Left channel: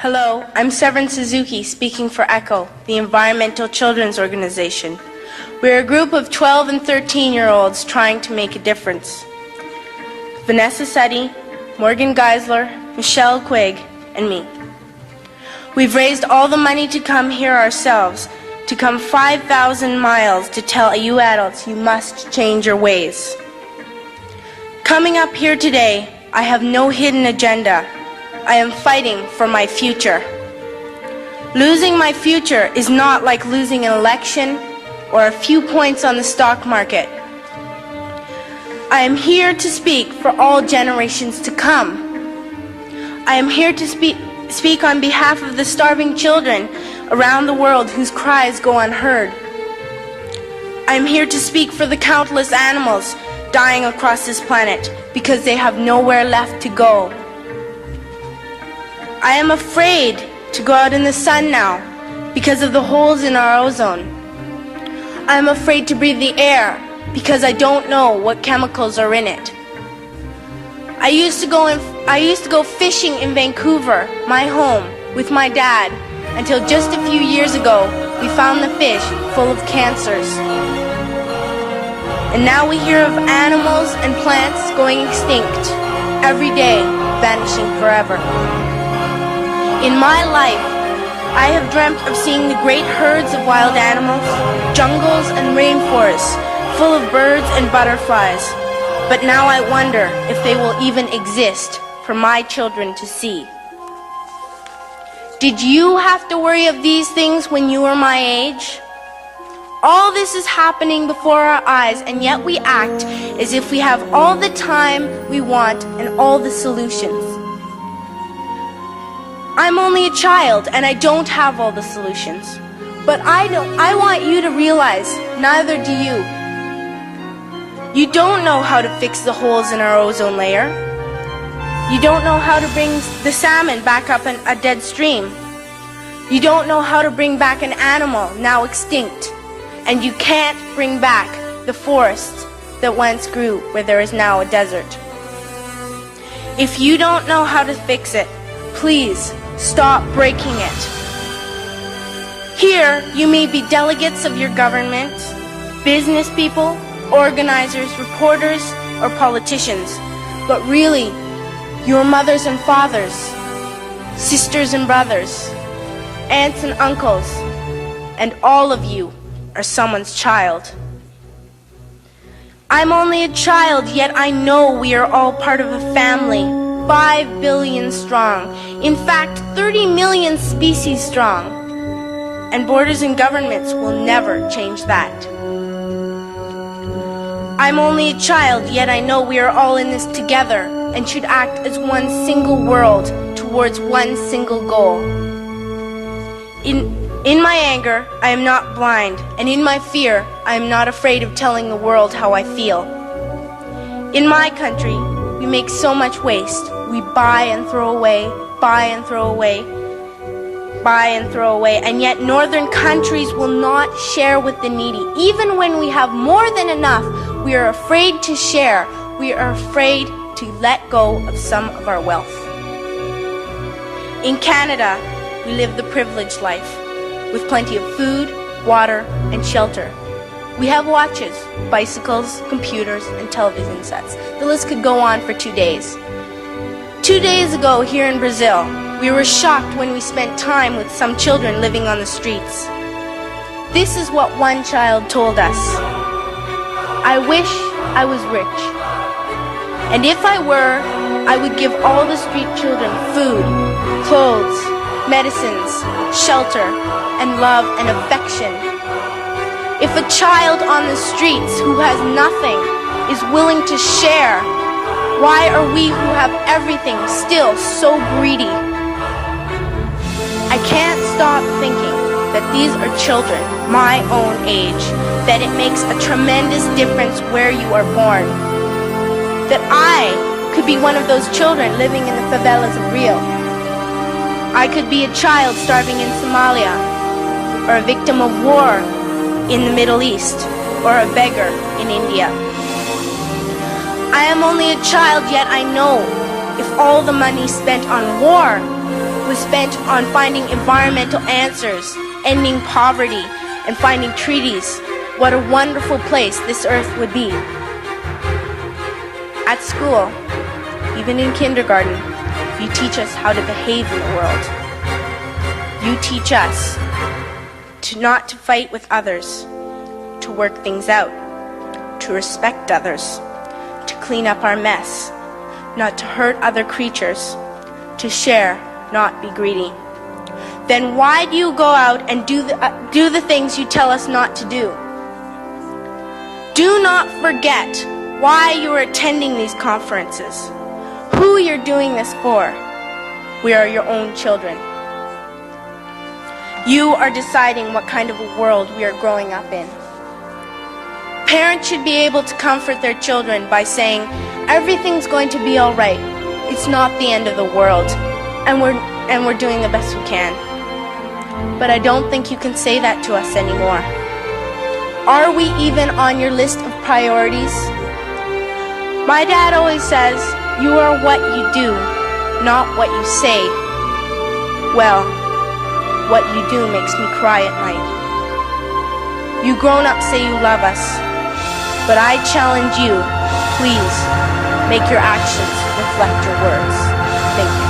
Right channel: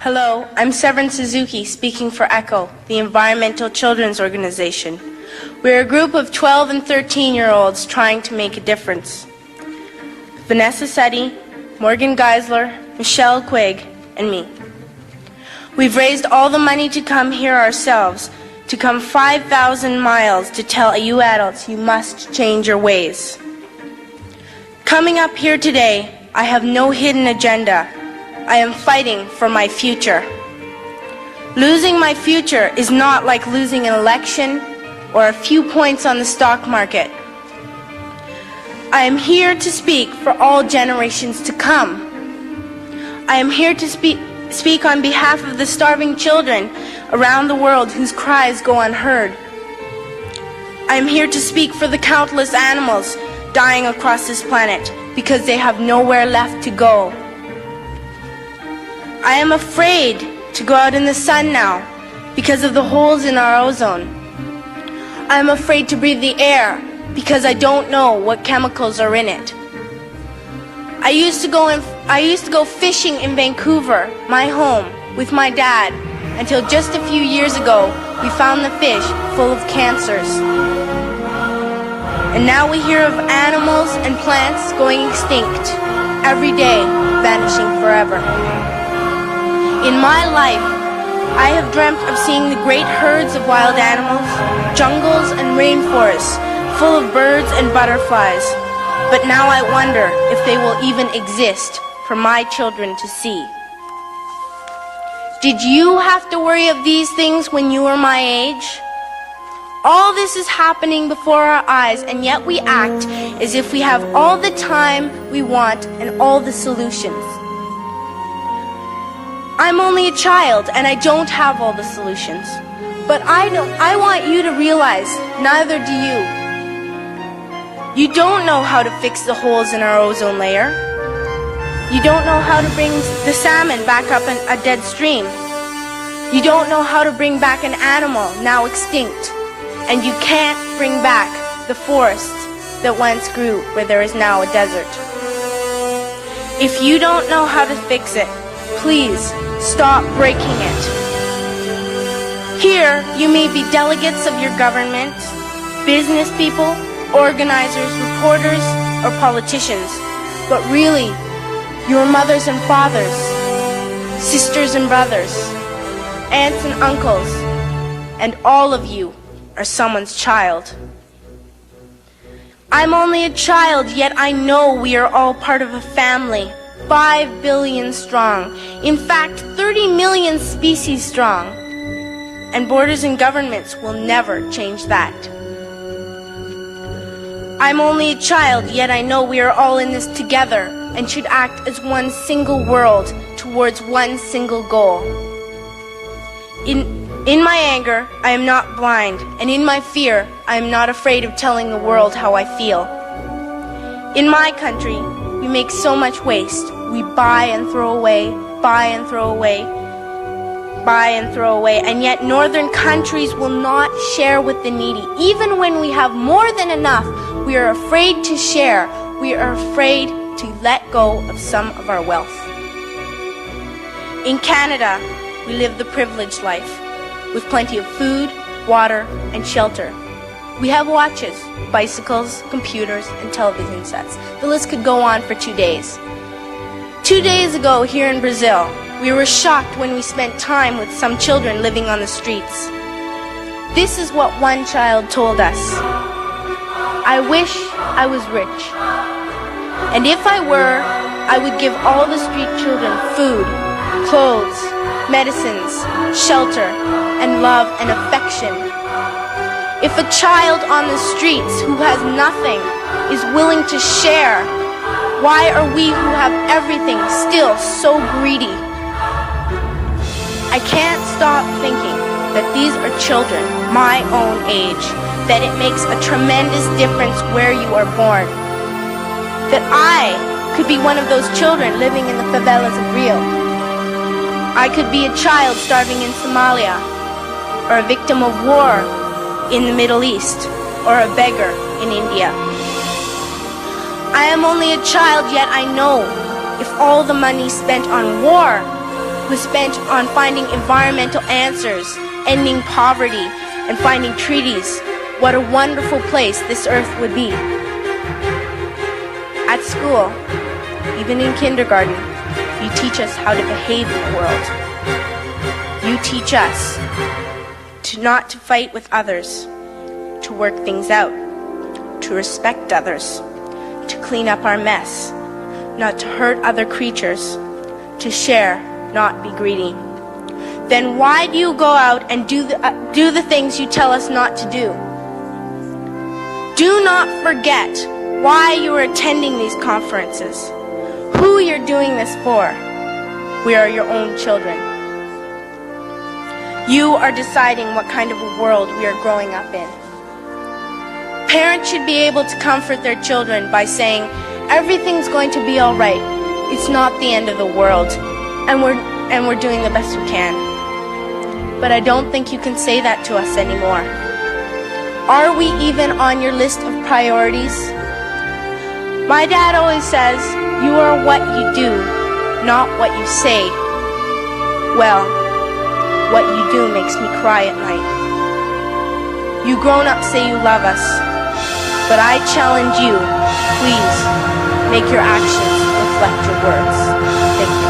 Hello, I'm Severin Suzuki speaking for ECHO, the Environmental Children's Organization. We're a group of 12 and 13-year-olds trying to make a difference. Vanessa Setti, Morgan Geisler, Michelle Quigg, and me. We've raised all the money to come here ourselves, to come 5,000 miles to tell you adults you must change your ways. Coming up here today, I have no hidden agenda. I am fighting for my future. Losing my future is not like losing an election or a few points on the stock market. I am here to speak for all generations to come. I am here to speak on behalf of the starving children around the world whose cries go unheard. I am here to speak for the countless animals dying across this planet because they have nowhere left to go. I am afraid to go out in the sun now because of the holes in our ozone. I am afraid to breathe the air because I don't know what chemicals are in it. I used to go fishing in Vancouver, my home, with my dad, until just a few years ago we found the fish full of cancers. And now we hear of animals and plants going extinct, every day vanishing forever. In my life, I have dreamt of seeing the great herds of wild animals, jungles and rainforests full of birds and butterflies. But now I wonder if they will even exist for my children to see. Did you have to worry of these things when you were my age? All this is happening before our eyes, and yet we act as if we have all the time we want and all the solutions. I'm only a child and I don't have all the solutions. But I want you to realize, neither do you. You don't know how to fix the holes in our ozone layer. You don't know how to bring the salmon back up in a dead stream. You don't know how to bring back an animal now extinct. And you can't bring back the forests that once grew where there is now a desert. If you don't know how to fix it, please stop breaking it. Here, you may be delegates of your government, business people, organizers, reporters, or politicians, but really, your mothers and fathers, sisters and brothers, aunts and uncles, and all of you are someone's child. I'm only a child, yet I know we are all part of a family, 5 billion strong, in fact 30 million species strong, and borders and governments will never change that. I'm only a child, yet I know we are all in this together and should act as one single world towards one single goal. In my anger, I am not blind, and in my fear, I am not afraid of telling the world how I feel. In my country, we make so much waste. We buy and throw away, buy and throw away, buy and throw away, and yet northern countries will not share with the needy. Even when we have more than enough, we are afraid to share. We are afraid to let go of some of our wealth. In Canada, we live the privileged life, with plenty of food, water, and shelter. We have watches, bicycles, computers, and television sets. The list could go on for 2 days. 2 days ago, here in Brazil, we were shocked when we spent time with some children living on the streets. This is what one child told us. I wish I was rich. And if I were, I would give all the street children food, clothes, medicines, shelter, and love and affection. If a child on the streets who has nothing is willing to share, why are we who have everything still so greedy? I can't stop thinking that these are children my own age, that it makes a tremendous difference where you are born. That I could be one of those children living in the favelas of Rio. I could be a child starving in Somalia, or a victim of war in the Middle East, or a beggar in India. I am only a child, yet I know if all the money spent on war was spent on finding environmental answers, ending poverty, and finding treaties, what a wonderful place this earth would be. At school, even in kindergarten, you teach us how to behave in the world. You teach us to not to fight with others, to work things out, to respect others, to clean up our mess, not to hurt other creatures, to share, not be greedy. Then why do you go out and do the things you tell us not to do? Do not forget why you are attending these conferences, who you're doing this for. We are your own children. You are deciding what kind of a world we are growing up in. Parents should be able to comfort their children by saying, everything's going to be all right. It's not the end of the world, and we're doing the best we can. But I don't think you can say that to us anymore. Are we even on your list of priorities? My dad always says, you are what you do, not what you say. Well, what you do makes me cry at night. You grown-ups say you love us, but I challenge you, please, make your actions reflect your words. Thank you.